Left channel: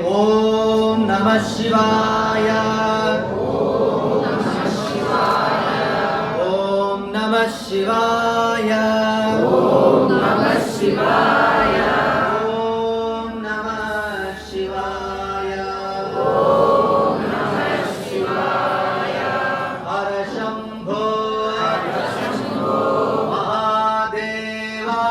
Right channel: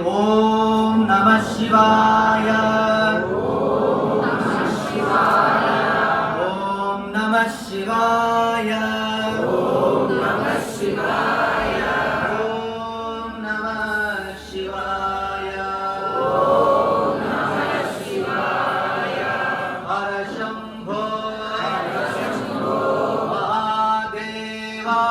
ओम नमः शिवाय। ओम नमः शिवाय। ओम नमः शिवाय। ओम नमः शिवाय। ओम नमः शिवाय। हर शंभो महादेवा।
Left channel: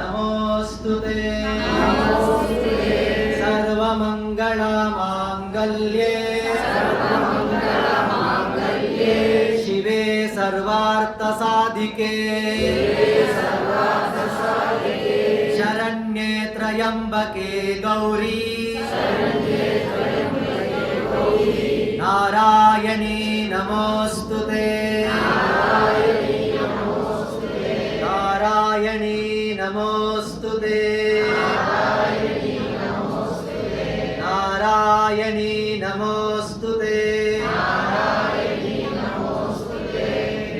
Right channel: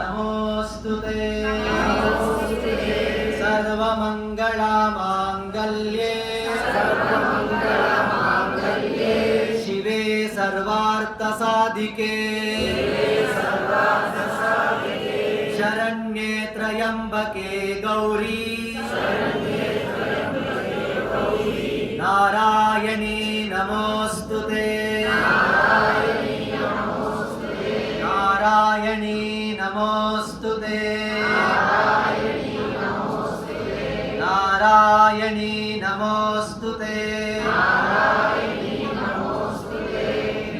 नमोस्तुते सर्वमंगलमांगल्ये शिवे सर्वार्थसाधिके शरण्ये त्र्यंबके गौरी नारायणी नमोस्तुते नारायणी नमोस्तुते नारायणी नमोस्तुते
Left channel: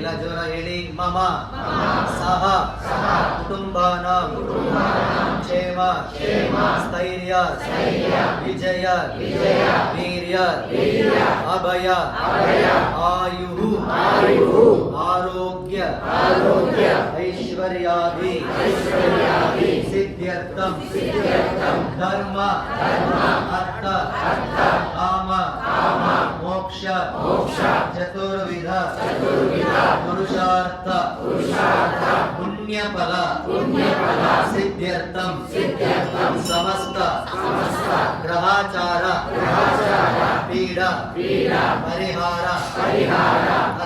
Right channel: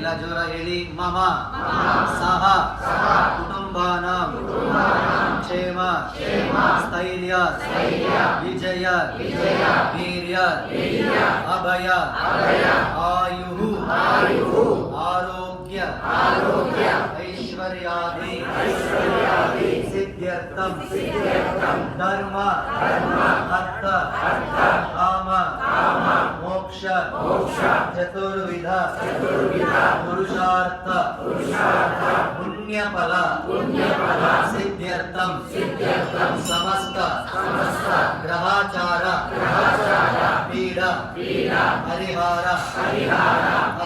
लजुरहिरि मम सह कुटुंबानां क्षेम स्थैर्य विजय वीर्य अभय आयुः आरोग्य ऐश्वर्यादि सिद्ध्यर्थं धर्म अर्थ काम मोक्ष चतुर्विध पुरुषार्थ पुण्यफल सिद्ध्यर्थं समस्त ग्रहाचार पीड़ा परिहार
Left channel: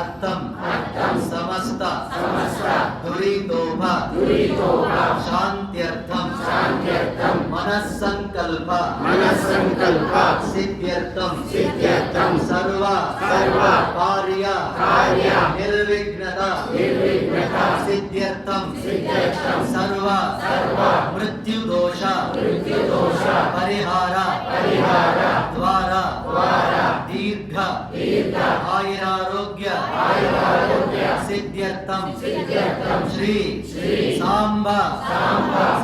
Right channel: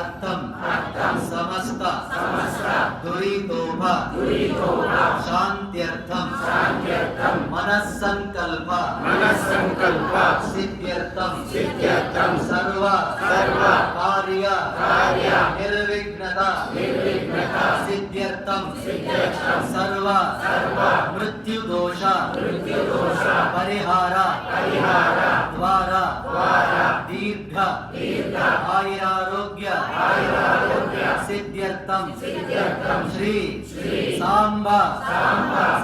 अर्थं समस्त दुरितोभ शांत्यर्थं मनस्संकल्प सिद्ध्यर्थं सर्व कार्य निर्विघ्नता सिद्ध्यर्थं सर्व मृत्युदोष परिहार द्वारा दीर्घ आयुरारोग्य सिद्ध्यर्थं श्री सांब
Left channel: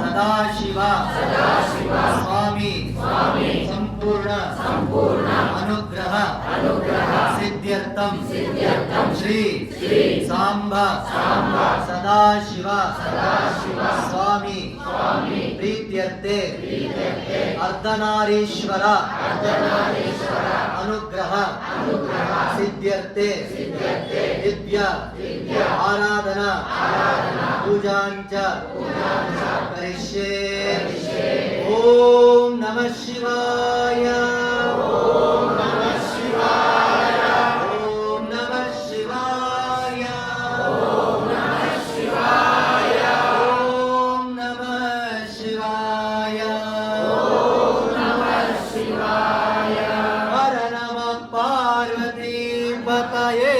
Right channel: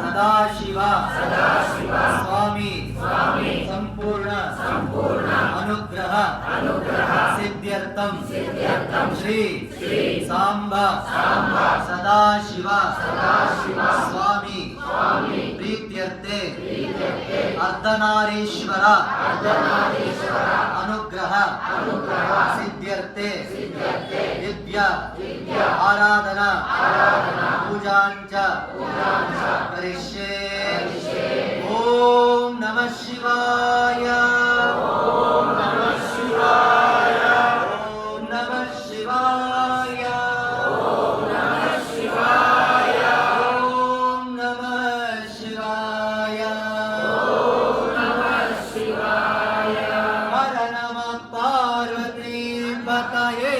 सदाशिव स्वामी संपूर्ण अनुग्रह सिद्ध्यर्थं श्री सांब सदाशिव स्वामी प्रीत्यर्थे अर्धनारीश्वर अनुग्रह सिद्ध्यर्थे दिव्य आराधना पूजांच करिष्ये। ओम नमः शिवाय। ओम नमः शिवाय। ओम नमः शिवाय। ओम नमः शिवाय। ओम नमः शिवाय। ओम नमः शिवाय। हर नमः पार्वती पतये।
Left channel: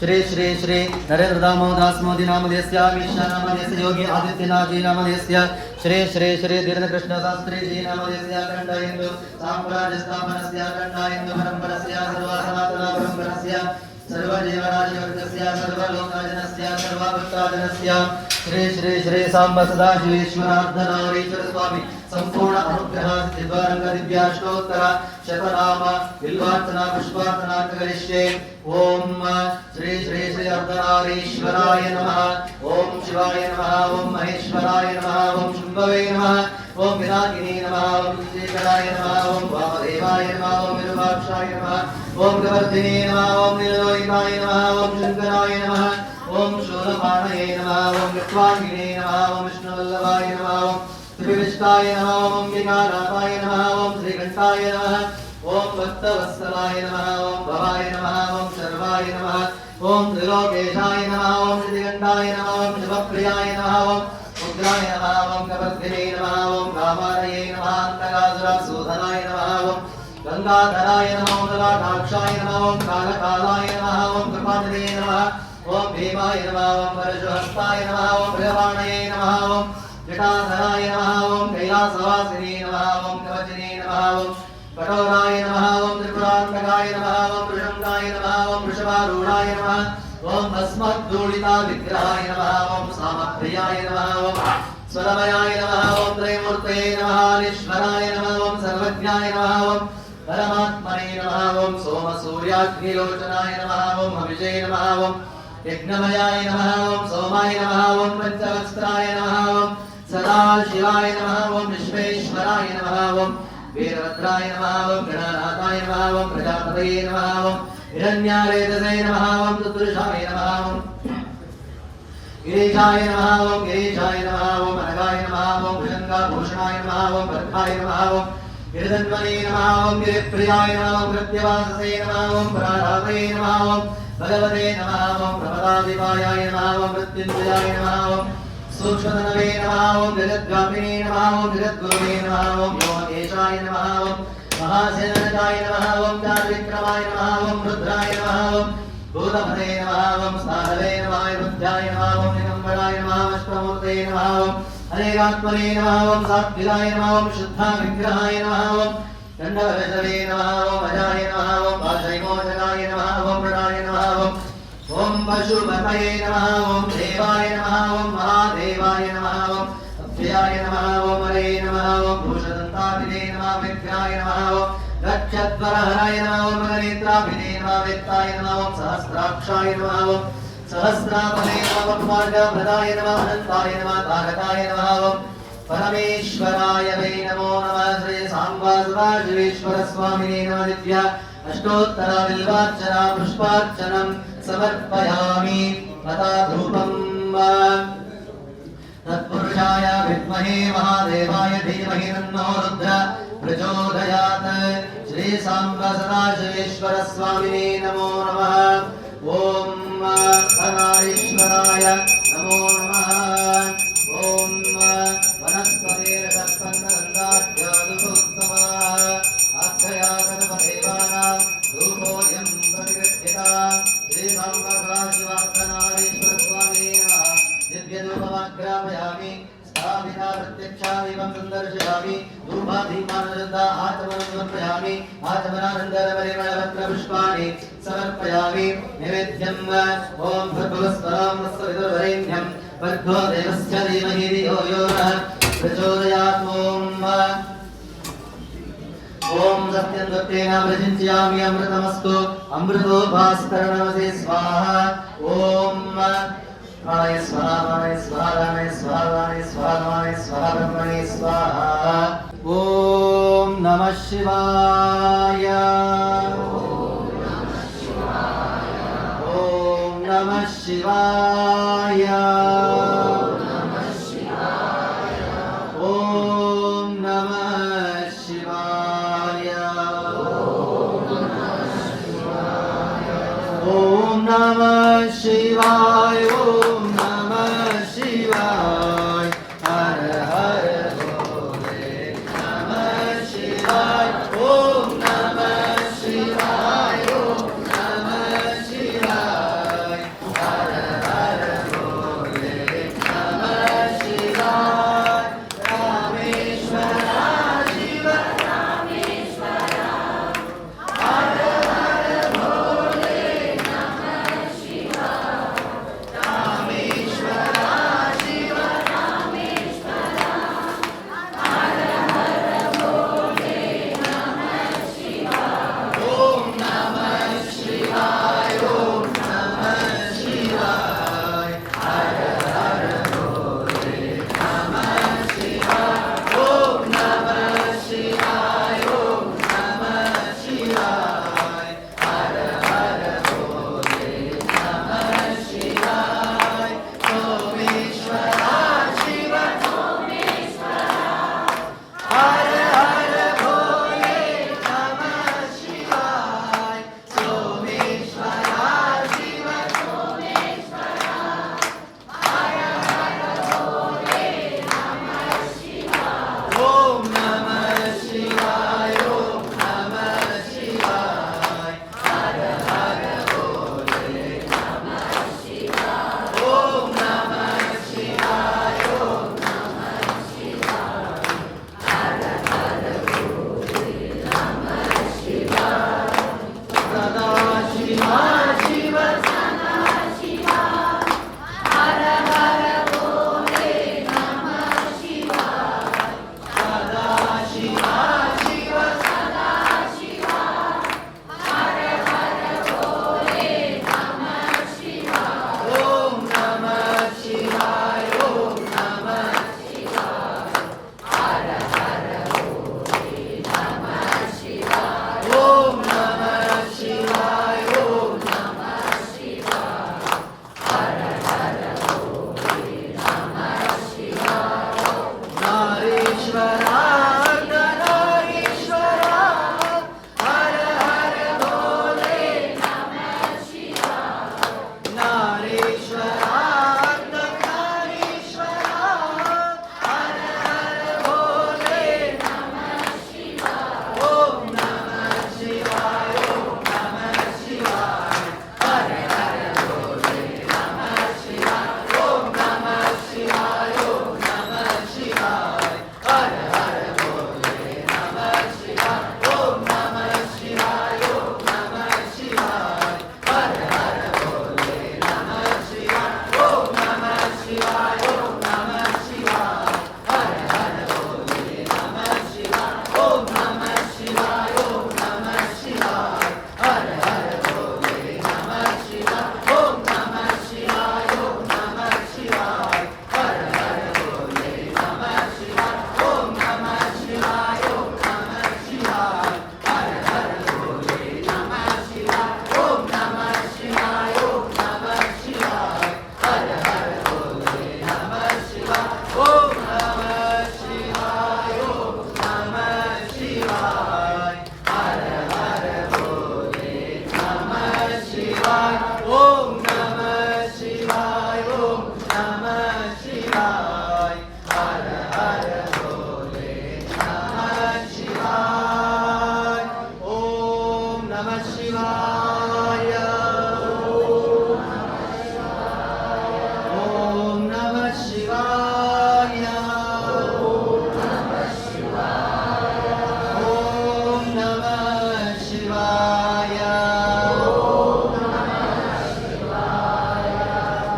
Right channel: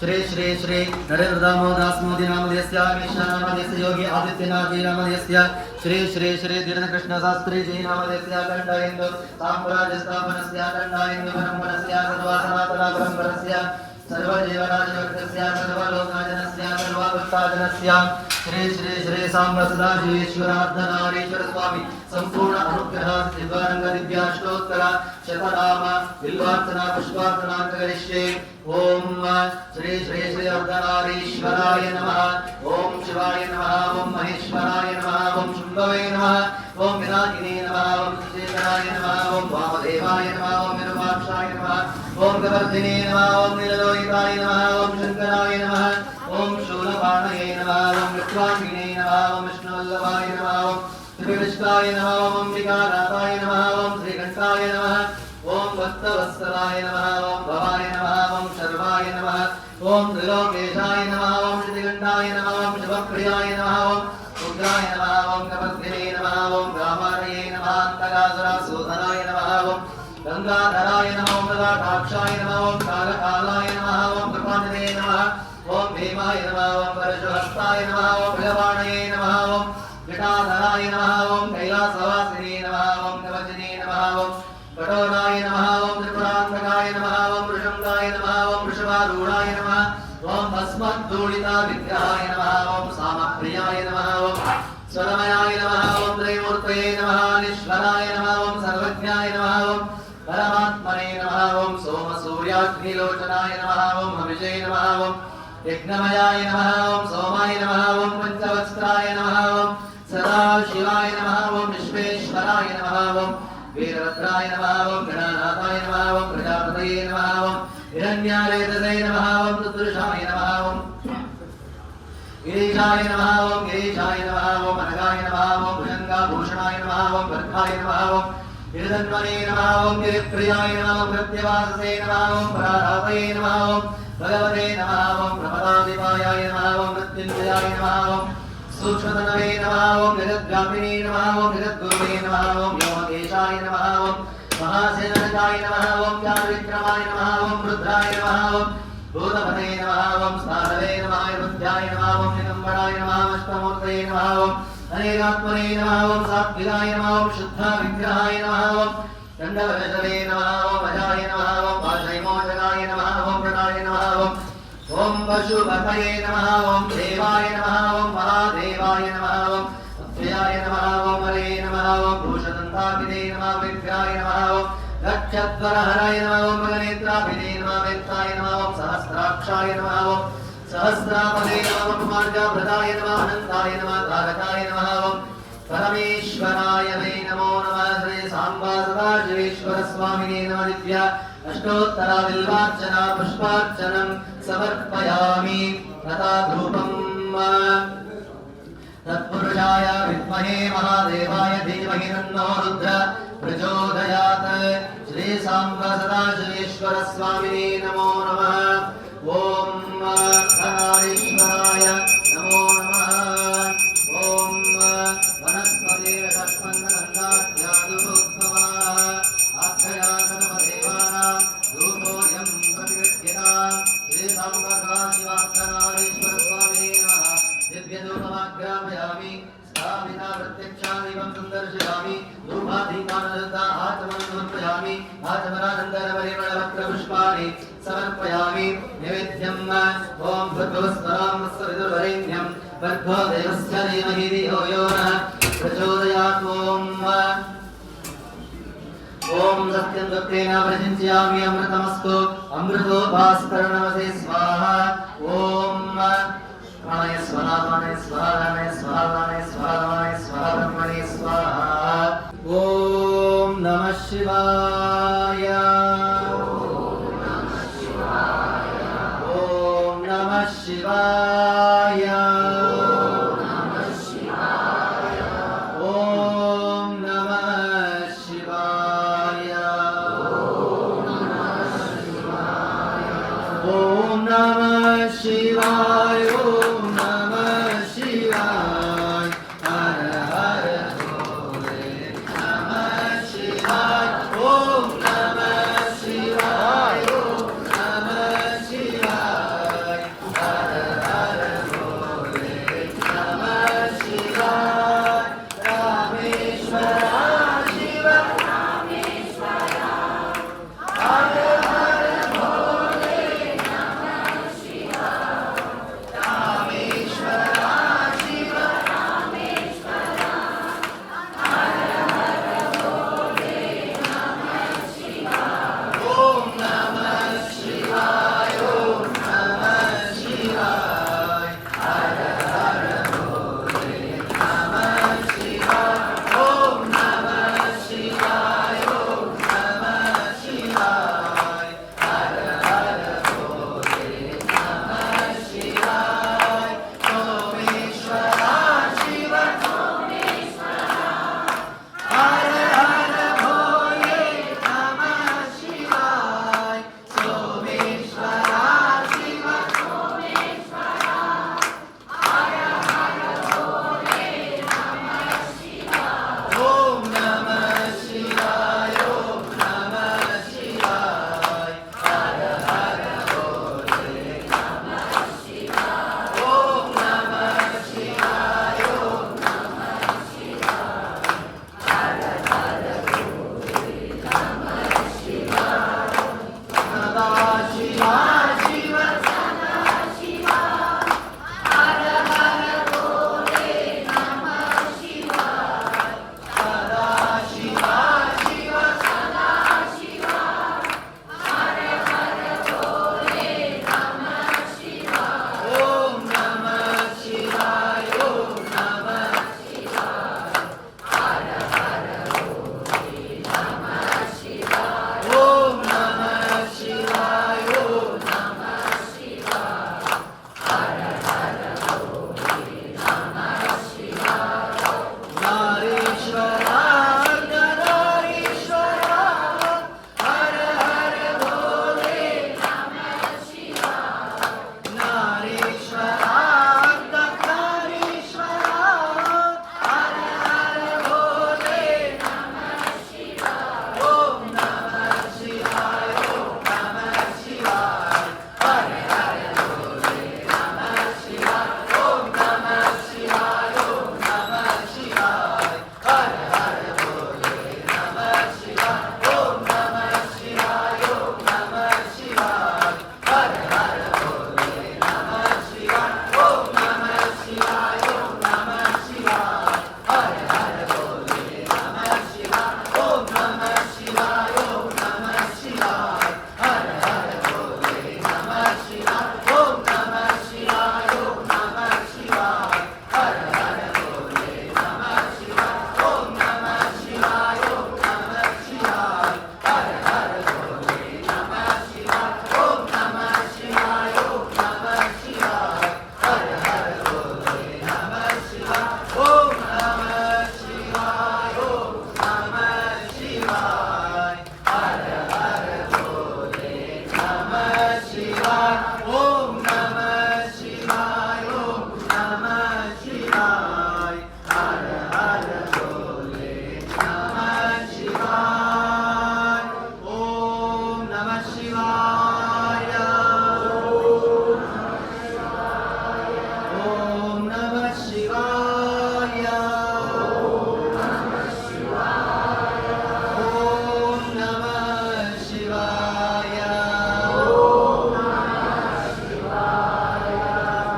श्री श्री श्री नरेंद्र दामोदास मोदी नामधेयस्य अमित नामधेयस्य योगी आदित्यनाथ जी नामधेयस्य श्री श्री श्री धीरेन्द्र कृष्ण शास्त्री जी नामधेयस्य अखंड हिंदू साम्राज्य स्थापनस्य अखंड हिंदू परंपरस्य सर्वसनातन परंपरस्य सर्वजीवराशिवर्गस्य सर्वलोकजनस्य सर्वभक्तजनस्य श्री श्री श्री सांब सदाशिवेश्वरार्धनारीश्वर स्वामी संपूर्ण अनुग्रह सिद्धारंग विद्याष्टोत्तर शतनाम बिल्वार्चना पुष्पार्चना करिष्ये। ओम श्री श्री श्री अर्धनारीश्वराय नमः। ओम शिवाय नमः। ओम महेश्वराय नमः। ओम शुंभवे नमः। ओम विनायिने नमः। ओम शेखराय नमः। ओम वामदेवाय नमः। ओम विरूपाक्षाय नमः। ओम गवर्धिने नमः। ओम नीललोहिताय नमः। ओम शंकराय नमः। ओम शूलपाणये नमः। ओम विश्वामिने नमः। ओम विष्णुवल्लभाय नमः। ओम श्रीविष्णाय नमः। ओम अंबिकानाथाय नमः। ओम श्रीकंठाय नमः। ओम भक्तवत्सलाय नमः। ओम भवाय नमः। ओम सर्वाय नमः। ओम त्रिलोकेशाय नमः। ओम श्रीकंठाय नमः। ओम शिवप्रियाय नमः। ओम रुद्राय नमः। ओम कपद्गिने नमः। ओम गामारये नमः। अंतकासुरासूदनाय नमः। ओम गंगाधराय नमः। ओम गदाक्षाय नमः। ओम कालकालाय नमः। ओम कृपानिधे नमः। ओम भीमाय नमः ओम परशुहस्ताय नमः ओम भृगवाणये नमः ओम जटाधराय नमः ओम कैलासवासिने नमः ओम कवचने नमः ओम कठोराय नमः ओम त्रिपुरान्तकाय नमः ओम वृषंगाय नमः ओम वृषभारूढाय नमः ओम भस्मद्धूलिता विग्रहाय नमः ओम सामप्रियाय नमः ओम स्वरमयाय नमः ओम त्रयमूर्तये नमः ईश्वराय नमः ओम सर्वज्ञाय नमः ओम परमात्मने नमः ओम सोमसूर्याग्निलोचनाय नमः ओम हविषे नमः ओम यज्ञमयाय नमः ओम सोमाय नमः ओम पंचवस्त्राय नमः ओम सदाशिवाय नमः ओम विश्वेश्वराय नमः ओम वीरभद्राय नमः ओम गणानाथाय नमः ओम प्रजापतये नमः ओम हिरण्यावेदसे नमः ओम चतुर्षाय नमः ओम गिरीशाय नमः ओम गिरीशाय नमः ओम अनगाय नमः ओम भुजंगाभूषणाय नमः ओम भर्गाय नमः ओम गिरिधन्वने नमः ओम गिरिप्रियाय नमः ओम कृत्यवाससे नमः ओम परारापये नमः ओम भगवते नमः ओम प्रमदादिपायाय नमः ओम मृत्युञ्जयाय नमः ओम सूक्ष्मतनवे नमः ओम जगद्व्यापिने नमः ओम जगद्गुरुवे नमः ओम योगेशाय नमः ओम महासेनजाय नमः ओम चारुविक्रमाय नमः ओम रुद्राय नमः ओम भूतमते नमः ओम साहवे नमः रुद्राय नमः ओम दिगम्बराय नमः अष्टमूर्तये नमः ओम हरेरात्मने नमः ओम सात्विकाय नमः ओम शुद्धाविग्रहाय नमः ओम दण्डवशवे नमः ओम अजाय नमः ओम पाशैमोचनाय नमः ओम प्रणाय नमः ओम पशुपतये नमः ओम देवाय नमः ओम महादेवाय नमः ओम अव्ययाय नमः ओम हरे नमः ओम भूषदन्ताभिने नमः विग्रहाय नमः ओम लक्षद्वरहराय नमः ओम गणनेत्राभिने नमः वेत्ताय नमः ओम सहस्राक्षाय नमः ओम सहस्रापदे नमः ओम मार्गभृताय नमः अनन्ताय नमः तारकाय नमः ओम परमेश्वराय वै नमो नमः श्री सांबा सदाशिवेश्वर स्वामिने नमः दिव्या अष्टोत्तरा बिल्वार्चना पुष्पार्चनं समर्पयामि तथा धूपम् तत्पुरुषाय विद्महे महादेवाय धीमहि तन्नो रुद्र प्रचोदयात् श्री सांब सदाशिवेश्वर स्वामिने नमो नमः ओम धनारीश्वराय नमो नमः ओम वनस्पतिरस्पन्दनन्दाध्यादुभोत्तमः आख्यया गणपदेवानां धूपोऽयं प्रतिगृह्यताम् श्री सांब सदाशिवार्चनारीश्वर स्वामिने नमः दिव्यधूपमाग्रापयामि स्थापिता प्रत्यक्षादिवं संदर्शयामि धूपादीपानशुद्धा आत्मनं समर्पयामि आत्मनानन्दरपरिमलपत्रपुष्पाणि समर्पयामि नैवेद्यं ॐ भूर्भुवस्वरां वस्वविदुर्वरेण्यं भर्गो देवस्य धीमहि धियो यो नः प्रचोदयात् ओम सत्यं सत्येन प्रचिन्तयामि अमृतमस्तु अमृतोपास्करणमसे स्वाहा ओम प्राणाय स्वाहा प्राणाय स्वाहा प्राणाय स्वाहा प्राणाय स्वाहा प्राणाय स्वाहा ब्रह्मणे स्वाहा ओम नमः शिवाय ओम नमः शिवाय ओम नमः शिवाय ओम नमः शिवाय ओम नमः शिवाय हर हर भोले नमः शिवाय ओम नमः शिवाय ओम नमः शिवाय हर हर भोले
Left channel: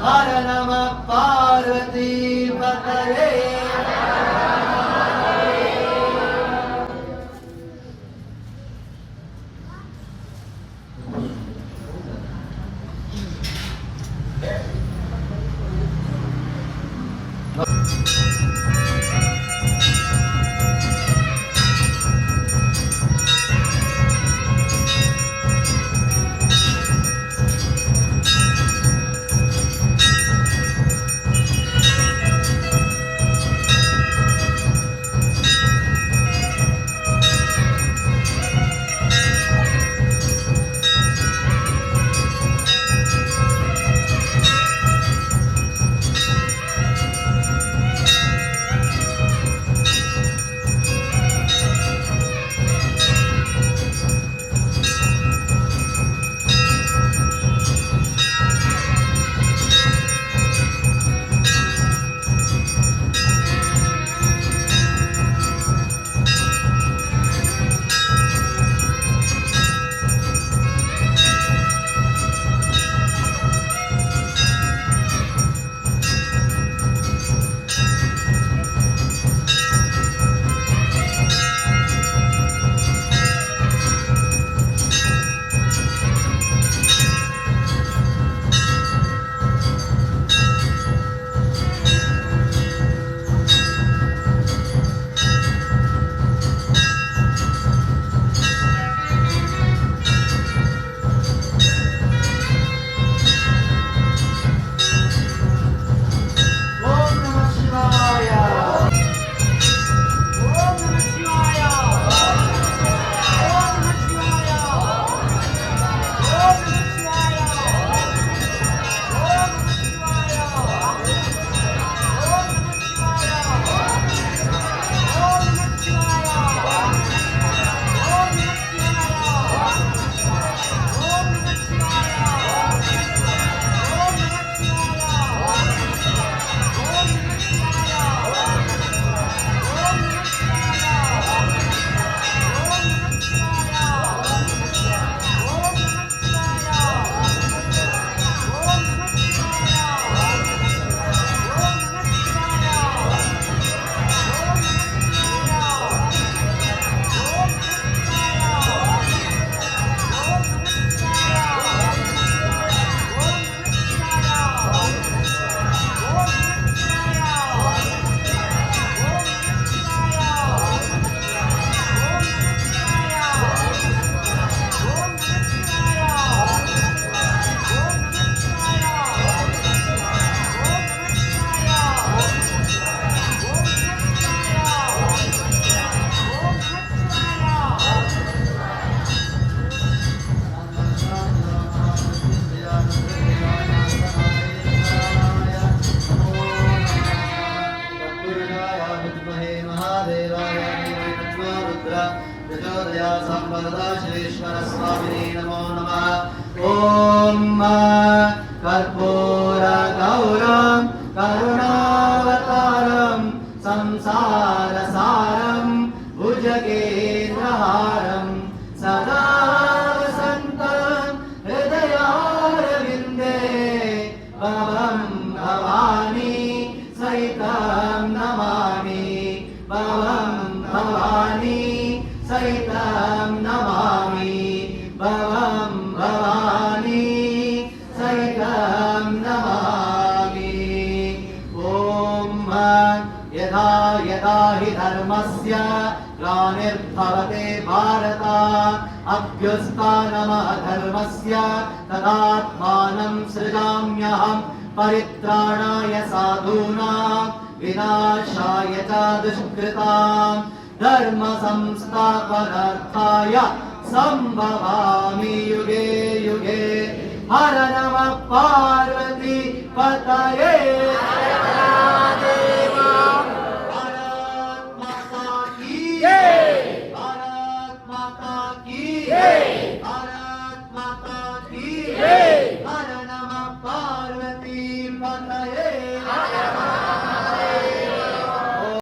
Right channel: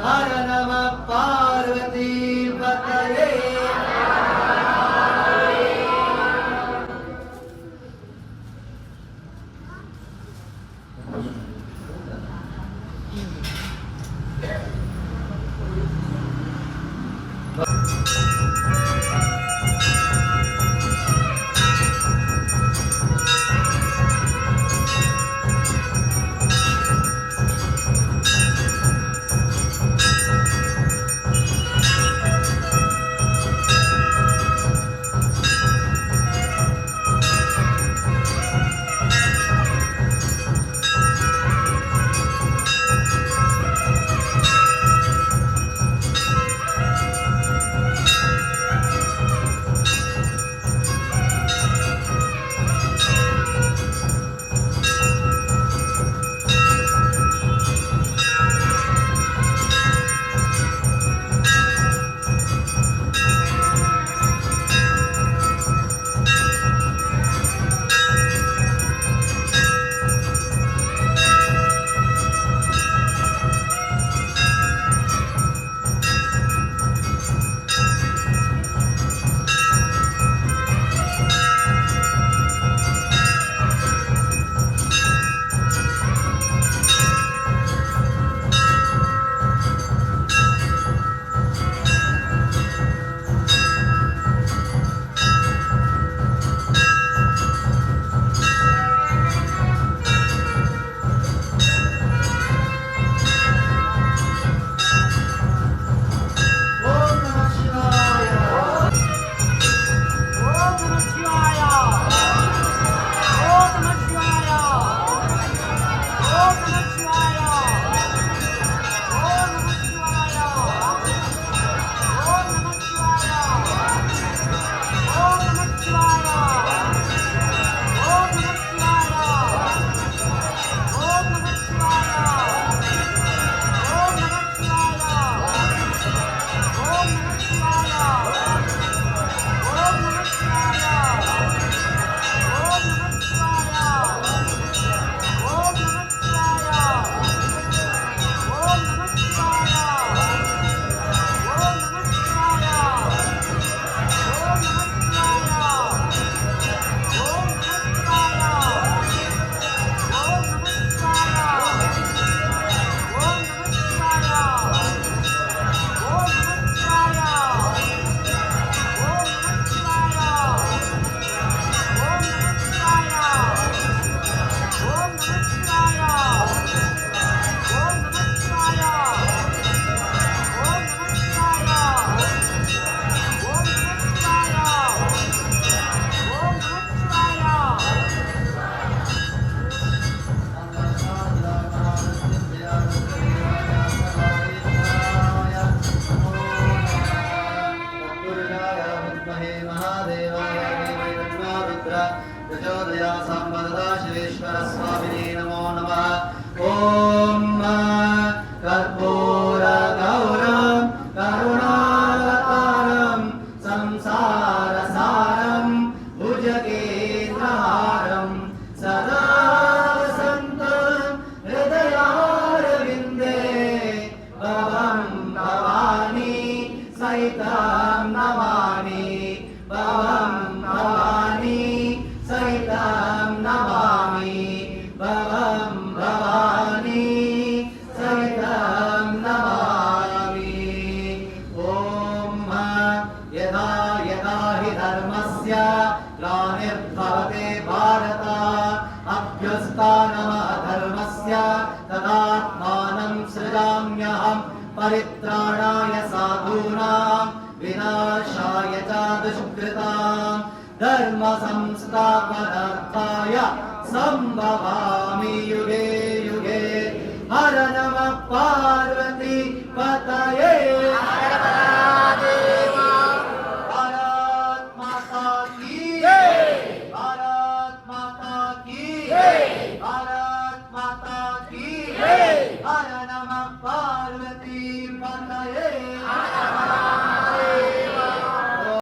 हर नमः पार्वती पतये कर्पूरगौरं करुणावतारं संसारसारं भुजगेन्द्रहारं सदा वसन्तं हृदयारविन्दे भवं भवानी सहितं नमामि भवं भवानी सहितं नमामि भवं भवानी सहितं नमामि। ॐ यदा यदा हि धर्मस्य ग्लानिर्भवते भारत अभ्युत्थानमः धर्मस्य तदात्मानं सृजाम्यहं परित्राणाय साधूनां विनाशाय च दुष्कृतां धर्म संस्थापनार्थाय संभवामि युगे